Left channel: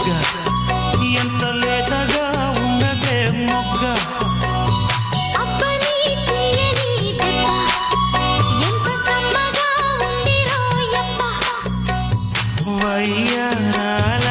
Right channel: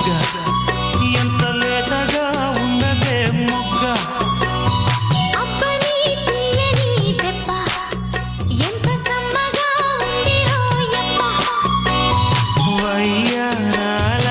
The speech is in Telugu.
బుగ్గ ఎంత లేతగా ఉన్నదే మొగ్గ అబ్బని తీయని దెబ్బ ఎంత కమ్మగా ఉంది రోయప్ప వయ్యారాల